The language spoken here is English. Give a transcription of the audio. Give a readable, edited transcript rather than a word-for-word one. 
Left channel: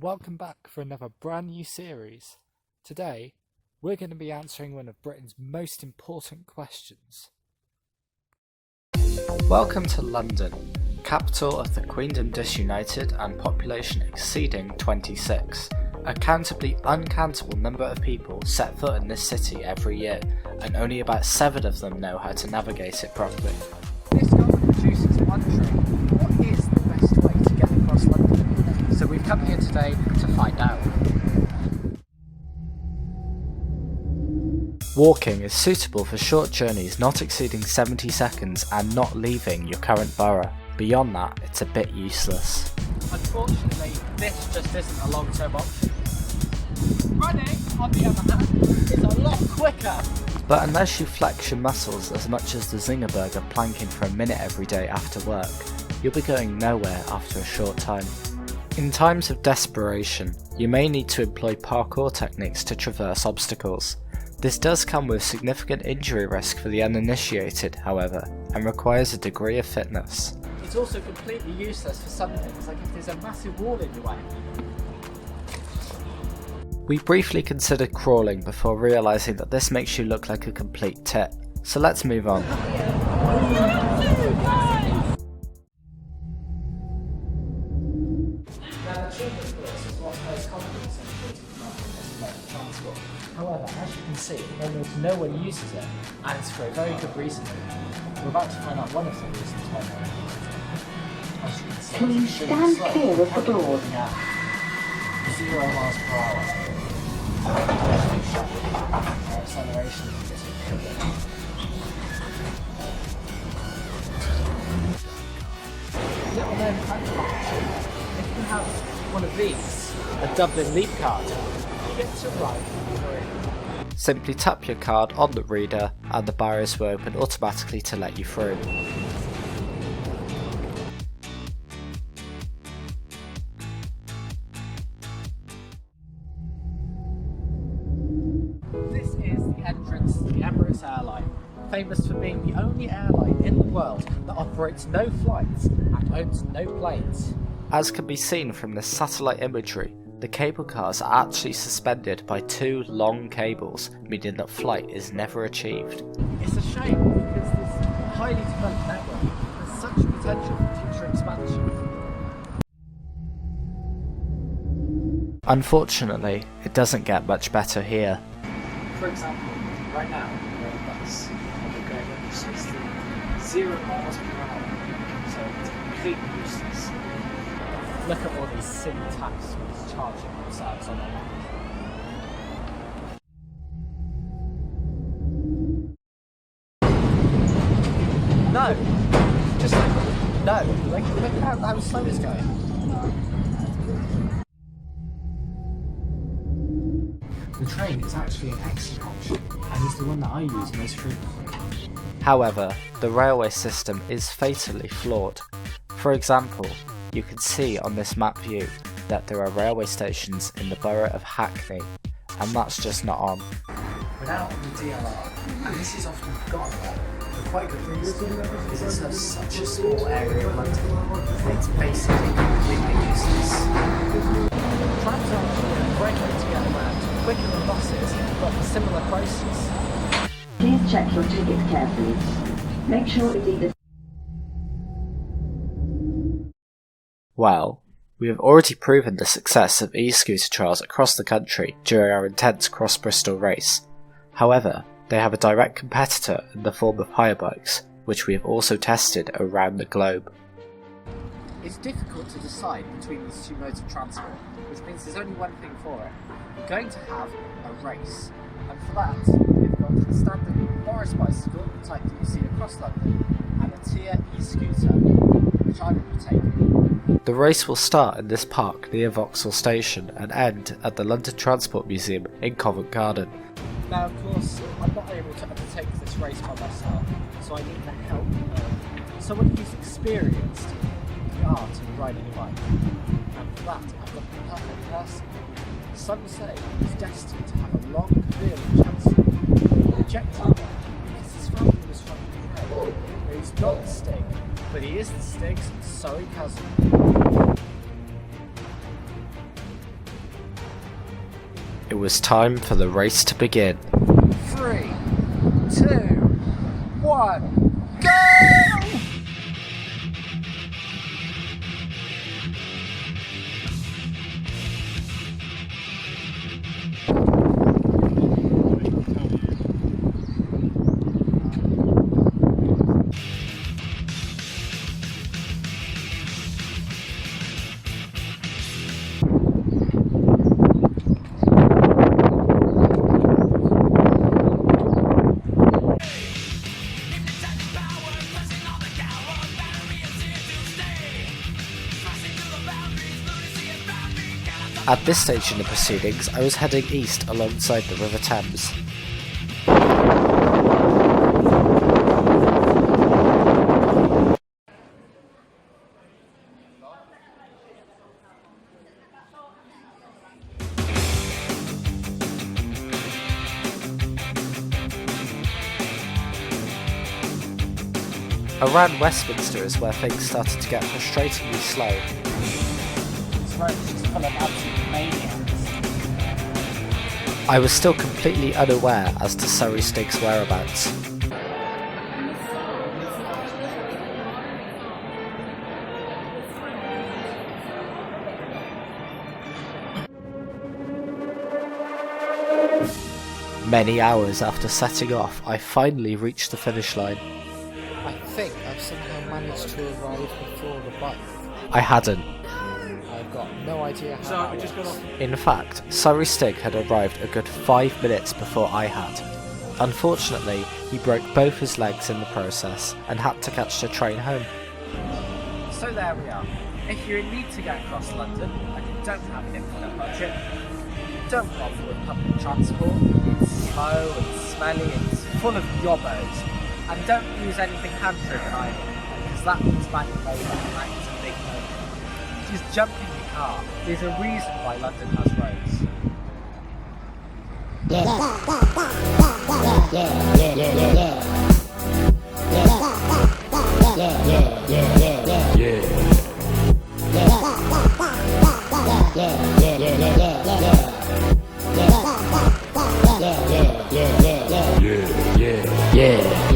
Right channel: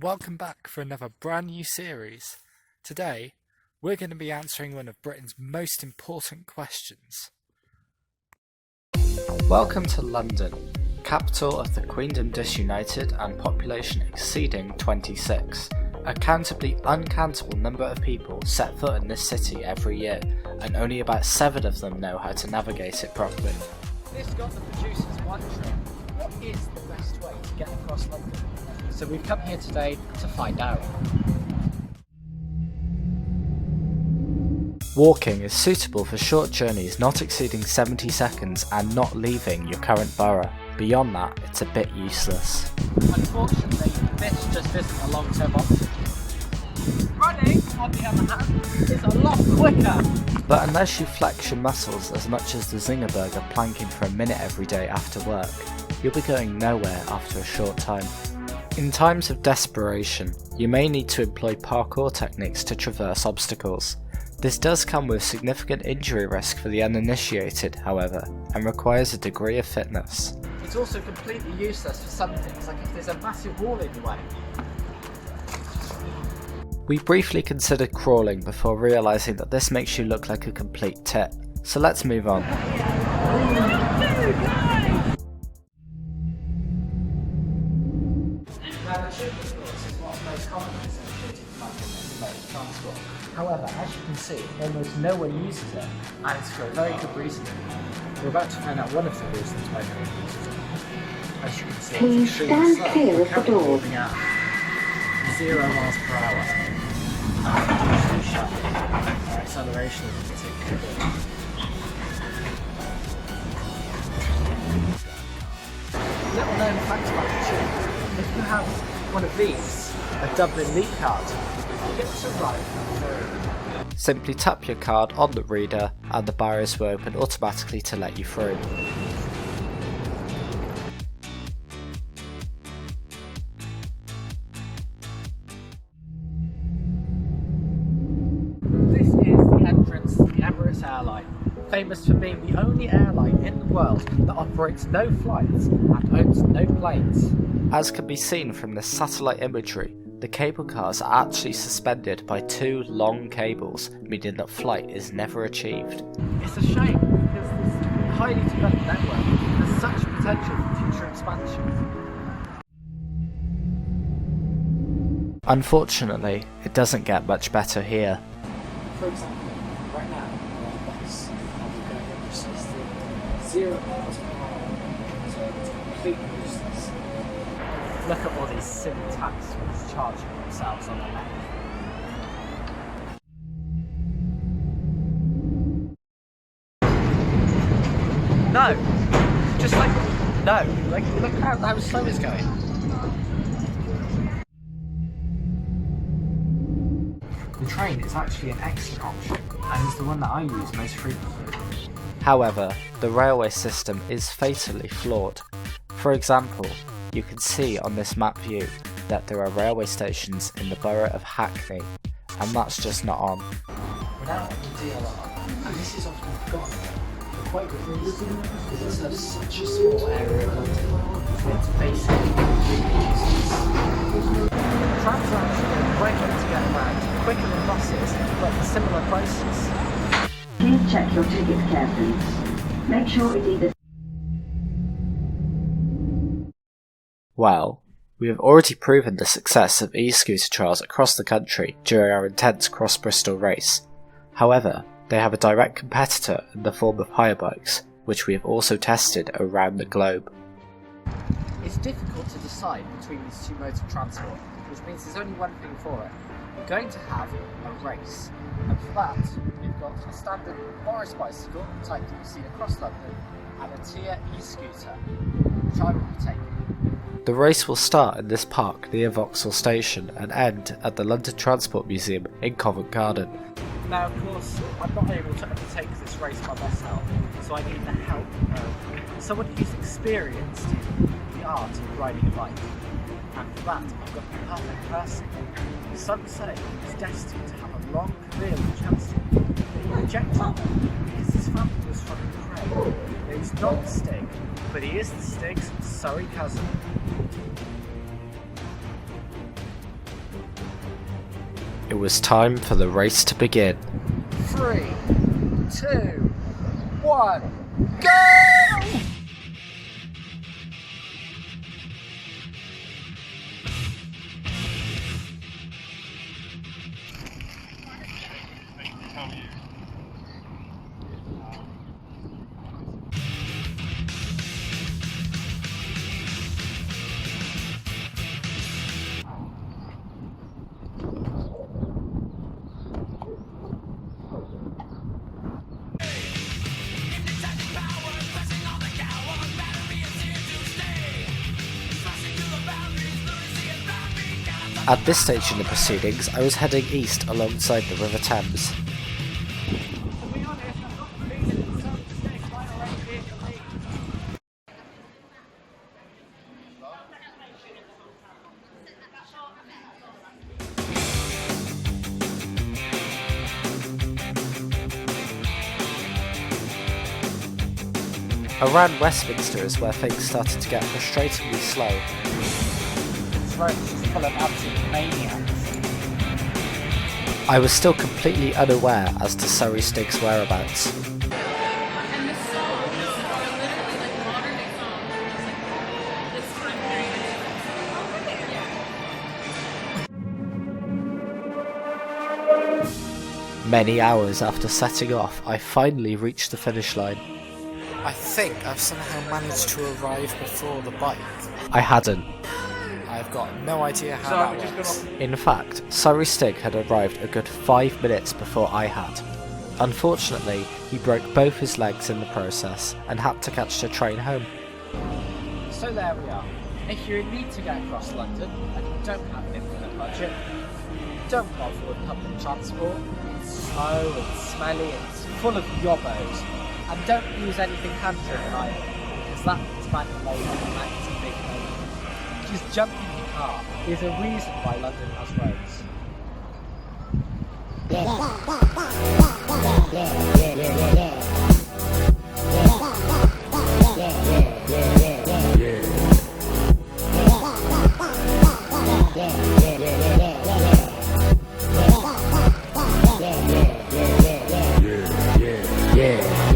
and welcome back for another brand new series. Today, we're going to be answering one of Britain's most important questions. Welcome to London, capital of the Queendom Disunited and population exceeding 26. A countably uncountable number of people set foot in this city every year, and only about 7 of them know how to navigate it properly. This got the producers wondering, what is the best way to get across London? So we've come here today to find out. Walking is suitable for short journeys not exceeding 70 seconds and not leaving your current borough. Beyond that, it's a bit useless. Unfortunately, this just isn't a long-term option. Running, on the other hand, is a lot quicker. But unless you flex your muscles as much as the Zinger burger planking for a minute every day after work, you'll be going nowhere after a short time. In times of desperation, you may need to employ parkour techniques to traverse obstacles. This does come with significant injury risk for the uninitiated, however, and requires a degree of fitness. It's also completely useless for some things, like if there's a massive wall in your way. We briefly considered crawling before realising that this makes you look like a complete tit, so let's move on. Now the tube, of course, is what's most common in central London as a mode of transport. However, as you can see, almost no one uses it, and it's for a very good reason. We're about to find out one of the reasons why no one uses it. As you can see, please stand clear of the doors. 0 miles per hour. Our acceleration is particularly. Little known fact about the tube, if you have one of these, a Dublin Leap card, you get to ride for free. Simply tap your card on the reader and the barriers will open automatically to let you through. This is the entrance to the Emirates airline, famous for being the only airline in the world that operates no flights and owns no planes. As can be seen from this satellite imagery, the cable cars are actually suspended by 2 long cables, meaning that flight is never achieved. It's a shame because this highly developed network has such potential for future expansion. Unfortunately, it doesn't get much better here. For example, right now we're on a bus and we're going at precisely 0 miles per hour, so it's completely useless. Look at all these silly taxis charging themselves on their line. No! Just like, no! Like, look how slow it's going. The train is actually an excellent option, and is the one that I use most frequently. However, the railway system is fatally flawed. For example, you can see on this map view that there are railway stations in the borough of Hackney, and that's just not on. We're now on the DLR, and this is often forgotten about, for quite good reason, because it serves such a small area of London, it's basically completely useless. Trams are actually a great way to get around, quicker than buses, but for similar prices. Please check your ticket carefully. Make sure it's either. Well, we have already proven the success of e-scooter trials across the country during our intense cross-Bristol race. However, they have a direct competitor in the form of hire bikes, which we have also tested around the globe. It's difficult to decide between these 2 modes of transport, which means there's only one thing for it. We're going to have a race, and for that we've got a standard Morris bicycle, the type that you see across London, and a Tier e-scooter, which I will be taking. The race will start in this park near Vauxhall Station and end at the London Transport Museum in Covent Garden. Now of course, I'm not able to undertake this race by myself, so I need the help of someone who's experienced in the art of riding a bike. And for that, I've got the perfect person. Some say he's destined to have a long career in Chelsea. They rejected him because his family was from Ukraine. He's not the Stig, but he is the Stig's Surrey cousin. It was time for the race to begin. 3, 2, 1, go! At this stage in the proceedings, I was heading east alongside the River Thames. Around Westminster is where things started to get frustratingly slow. This road's just full of absolute maniacs. I was still completely unaware as to Surrey Stig's whereabouts. Many hours after setting off, I finally reached the finish line. I think I've somehow managed to arrive before the bike. I hadn't. I've got no idea how that works. In fact, Surrey Stig had arrived a good 5 minutes before I had. Unfortunately, he broke both his legs in the process and had to catch the train home. So there we are. If you're in need to get across London and you don't have an infinite budget, don't bother with public transport. It's slow, it's smelly, it's full of yobbos. And don't use anything hand-driven either, because that means manual labour and that is a big no. Just jump in your car. There's a reason why London has roads. Yeah.